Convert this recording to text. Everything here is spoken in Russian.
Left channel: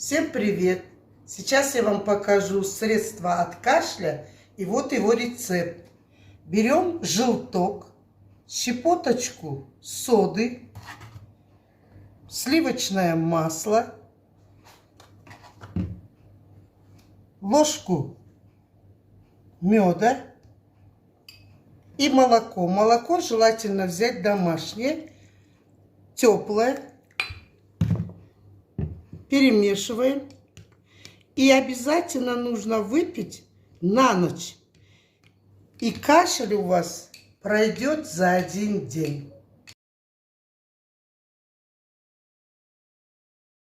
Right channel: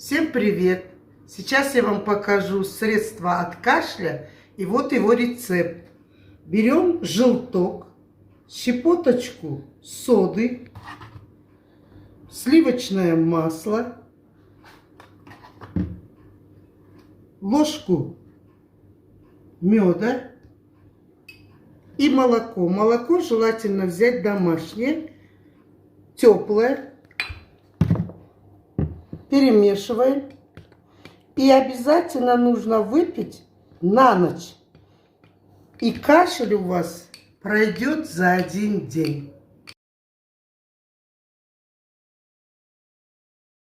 Всем привет! Сейчас я вам покажу средство от кашля, и вот его рецепт. Берем желток, щепоточку соды, сливочное масло, ложку меда и молоко. Молоко желательно взять домашнее, теплое. Перемешиваем. И обязательно нужно выпить на ночь. И кашель у вас пройдет за один день.